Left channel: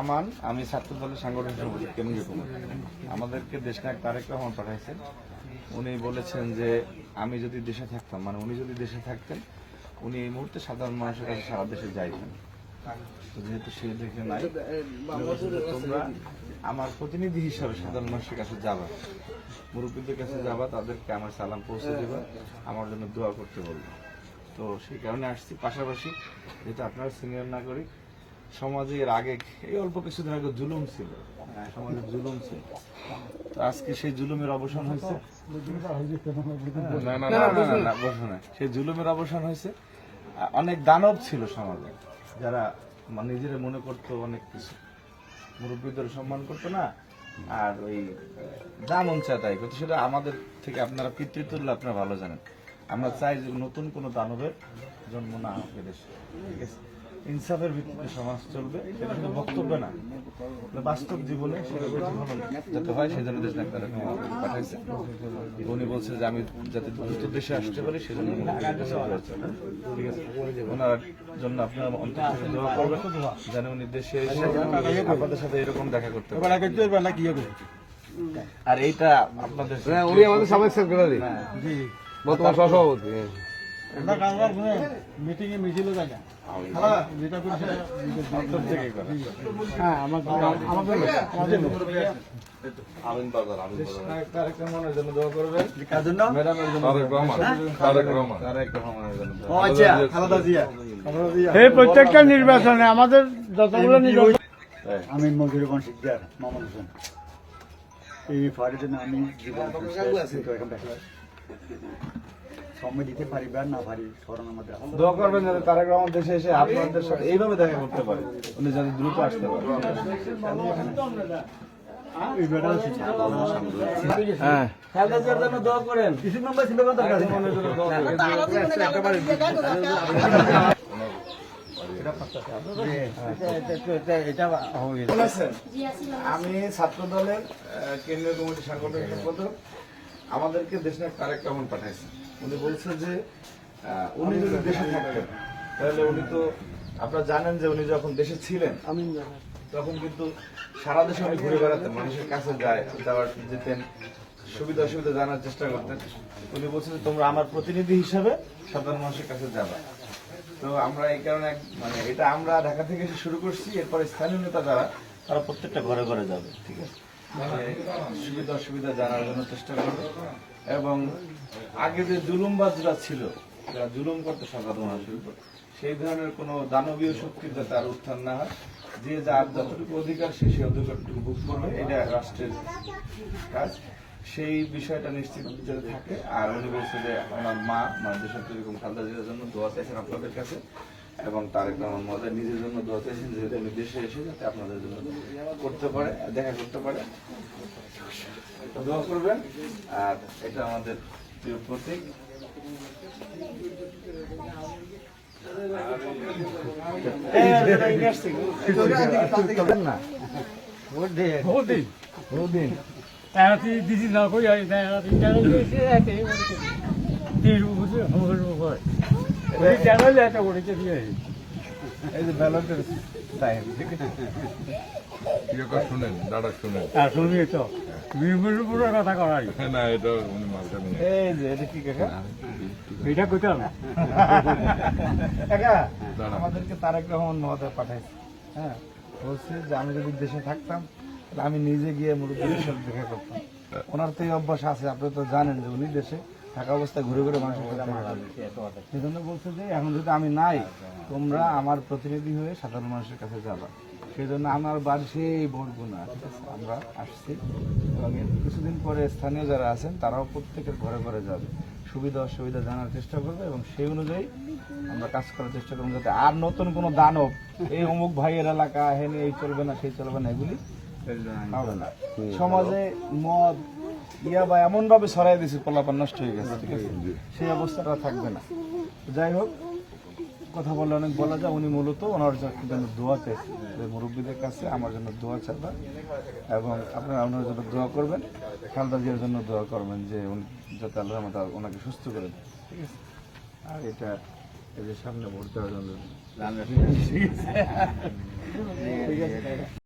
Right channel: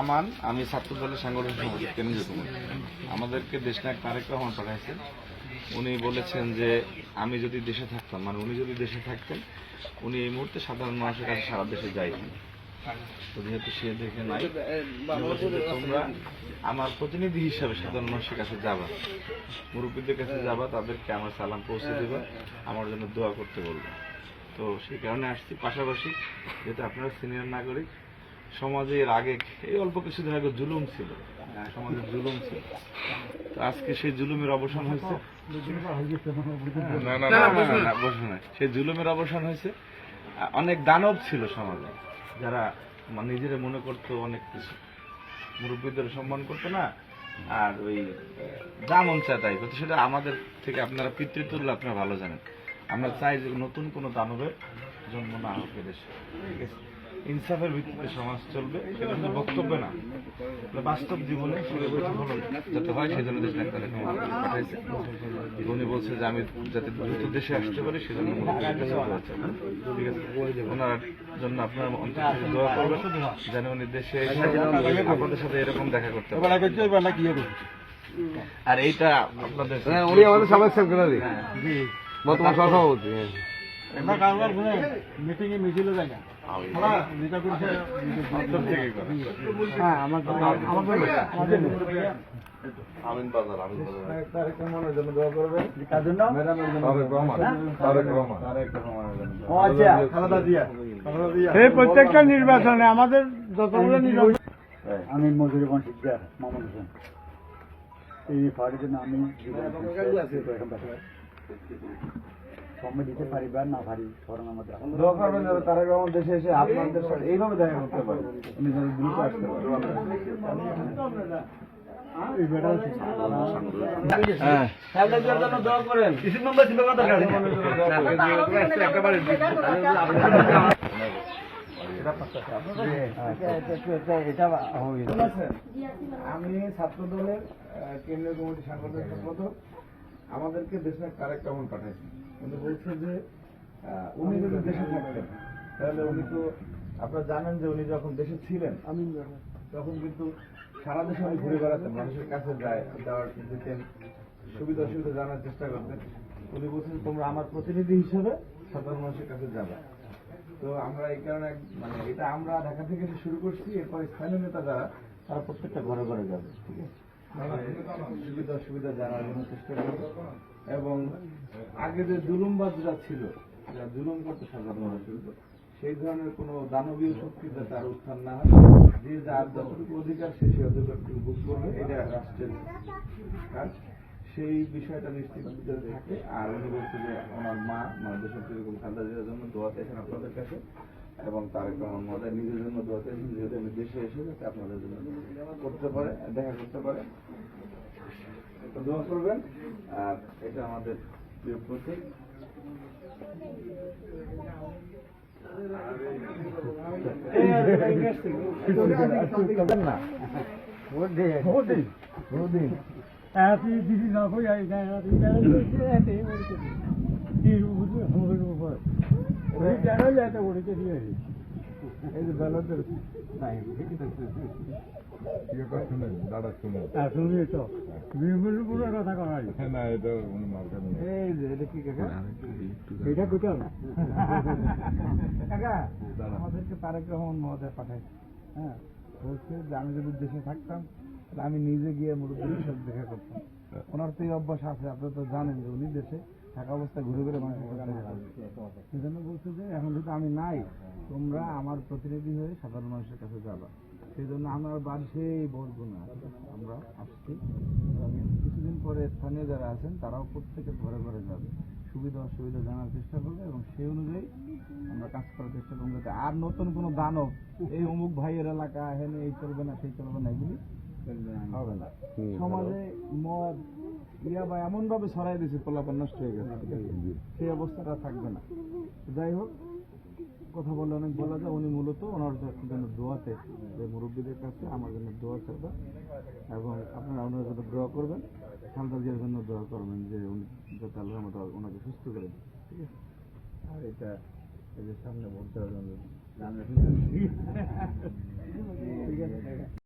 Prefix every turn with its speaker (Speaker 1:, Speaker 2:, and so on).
Speaker 1: আমান, আমি ছাত্র দলের সাংগঠনিক কেন্দ্রীয় কমিটি আমাদেরকে তারেক রহমান পাঠাইছেন। উনি বলেছেন যে, আমি যদি দেশে থাকতাম মানে উনি যদি দেশে থাকতেন, উনি এই মুহূর্তে সাধারণ মানুষের কাছে সারা দেশে যাইতেন। তো যেহেতু সে দেখে নাই তোমরা আমার প্রতিনিধি হিসাবে সাধারণ মানুষের কাছে যাবা। মুরব্বীদের কাছে যাবা, তাদেরকে আমার সালাম পৌঁছে দেবা, আমার জন্য দোয়া করতে বলব। তো সেই কারণে আসছি। পাশাপাশি, যেহেতু আপনারা সিনিয়র নাগরিক সমাজে এর আগে এই অল্প কিছুদিন আগে জুলুম ছিল। হ্যাঁ, সমাজে জুলুম ছিল। আজকে সেই জুলুমের অবসান হয়েছে। সেই জুলুমের অবসান হয়েছে। অনেক দানব ছিল সমাজে। যারা নিজেরা মনে করতো অনেক কিছু। মুরব্বীদের সম্মান করতো না। আর ওই আহ, যা মন চায় তাই করতো সেটা আমাদের থেকে আপনারা পিতৃতুল্য আপনারা ভালো জানেন। আমরা চাই যে নতুন কোনো দানবের জন্ম না হোক এদেশে। ঠিক আছে? ইনসাফের ভিত্তিতে সমাজ চলবে এটা শুধু বক্তব্য না। বাস্তব জীবনে যাতে হয় সেই জন্য দেশ ডাক্তার পাঠাইছে। উনি বলছে যে আমি যাতে দ্রুত দেশে আসতে পারি সেজন্য। ঠিক আছে? ওনার জন্য আপনার অন্তর দোয়া করবেন যেন উনি দেশে এসে আপনাদের সাথে এরকম দেখা করতে পারেন। আর এইটা আপনাদের
Speaker 2: উনি আমাদের সাবেক সেক্রেটারি
Speaker 1: হ্যাঁ।
Speaker 2: বর্তমান সহসভাপতি।
Speaker 3: হ্যাঁ আমার আমার
Speaker 4: প্রত্যেকটা নির্বাচনে আমাদের যতগুলো নির্বাচন।
Speaker 3: আমি মজুরবন শিকদার মামুন হোসেন এই ফাড়ির জন্য আমি জীবন সময় দিতে পারি বা না পারি স্মরণ আমাদের
Speaker 1: দোয়া করবেন যাতে তারেক রহমান দেশে এসে আপনাদের সাথে এইভাবে দেখা করতে পারে। উনি যেন দ্রুত আসতে পারে। হ্যাঁ।
Speaker 3: জন্য দোয়া করেন। কিছু নম্বর ছিল এটা- এটা গেছে।
Speaker 1: আমি ছাত্র দলের কেন্দ্রীয় কমিটি সাংগঠনিক সম্পাদক। আমাদেরকে দেশনায়ক তারেক রহমান পাঠাইছেন। উনি বলছে যে উনি যদি দেশে থাকতেন তাহলে উনি তো আপনারা জানেন যে উনি যখন দেশে ছিলেন তখন কিন্তু সারা দেশে উনি ঘুরে বেড়াতেন মানুষের কাছে যায় যাওয়ার যেতেন সুবিধা অসুবিধা জানার চেষ্টা করতেন। উনি বলছেন তোমরা আমার প্রতিনিধি হিসাবে সাধারণ মানুষের কাছে যাবা। তো আমরা এই কারণে মানে এটা আমরা ঢাকা থেকে এসে শুরু করছি এরপরে স্থানীয় নেতা যারা তারা প্রত্যেকটা ঘরে ঘরে যাবে ঠিক আছে? সুবিধা অসুবিধা জানার জন্য চেষ্টা করবে। এবং আগে যে জুলুমবাজরা ছিল, যারা জুলুম করতে সাধারণ মানুষের উপর সেই ধরনের কোনো দানবীয় শক্তির যাতে আর উত্থান না হয়, যে যার যতটুকু অধিকার সে সে অধিকারটুকু ভোগ করবে, এটা রাষ্ট্রের কাজ। সেই বিষয়টা নিশ্চিত যাতে থাকে। আর উনি বলছে যে ওনার মা মানে দেশের যেরকম খালদা জিয়ার জন্য দোয়া চাইছেন আপনাদের কাছে। এবং তারেক রহমান নিজের জন্য দোয়া চাইছেন যেহেতু উনি দেশে এসে যাতে আপনাদের জন্য করতে পারে, দেখা করতে পারে। দোয়া করবেন। আর এটা আমাদের প্রিয় প্রতীক। না
Speaker 4: দিদি না কই
Speaker 1: এই যে ব্যালটের টাইম ঠিক আছে
Speaker 2: ইয়ে করে শুনেন দাদা শুনেন
Speaker 4: শুনি তো
Speaker 2: না
Speaker 1: এই যে কি কাকা আমাদেরকে তারেক রহমান মহোদয় পাঠাইছে হ্যাঁ বলছে যে আমি যদি দেশে থাকতাম আমি নিজে গিয়ে মুরব্বীদের সাথে দেখা করতাম ওনার তো এই অভ্যাস আছে আপনি তো জানেন যে উনি দেশে থাকা অবস্থায় ঘুরে ঘুরে মানুষের সাথে দেখা করে। সেই জন্য বলছে যে এখন যদি আমি নাই তোমরা আমার প্রতিনিধি হয়ে সাধারণ মানুষের কাছে যাবা। সেই জন্য আমার বাড়ি সেই বরগুনা। ঠিক আছে? আমরা আসছি। এবং কিছুদিন পরে স্থানীয় যারা আছেন তারাও প্রত্যেকের ঘরে ঘরে যাবে। সুবিধা অসুবিধা জানার চেষ্টা করবে এবং সেই অনুযায়ী আমরা কাজ করার চেষ্টা করব যাতে আর নতুন কোনো দানব এই অমুক ভাইয়ের এলাকা হেনে এই চলবে না সেই চলবে না এগুলি হবে না। সমাজে মদ ইয়া বা এমন ভাবে ছড়াই দিয়েছে পোলাপান নষ্ট হয়ে গেছে ঠিক আছে? সেই অবস্থাটা থাকবে না। যাই হোক কথা বলে অনেক বলা যায় উনি মূলত ওনার জন্য দোয়া চাইছে। মুরব্বীদের কাছে আমার জন্য দোয়া চাইবা এবং আপনারা ওনার জন্য দোয়া করবেন খালদা জিয়ার জন্য দোয়া করবেন যে উনি যাতে আল্লাহ রহমতে ওনাকে সুস্থ করে দেন ঠিক আছে? আর এটা এই যে সামনে ভোট দেওয়ার জন্য
Speaker 3: ঠিক আছে।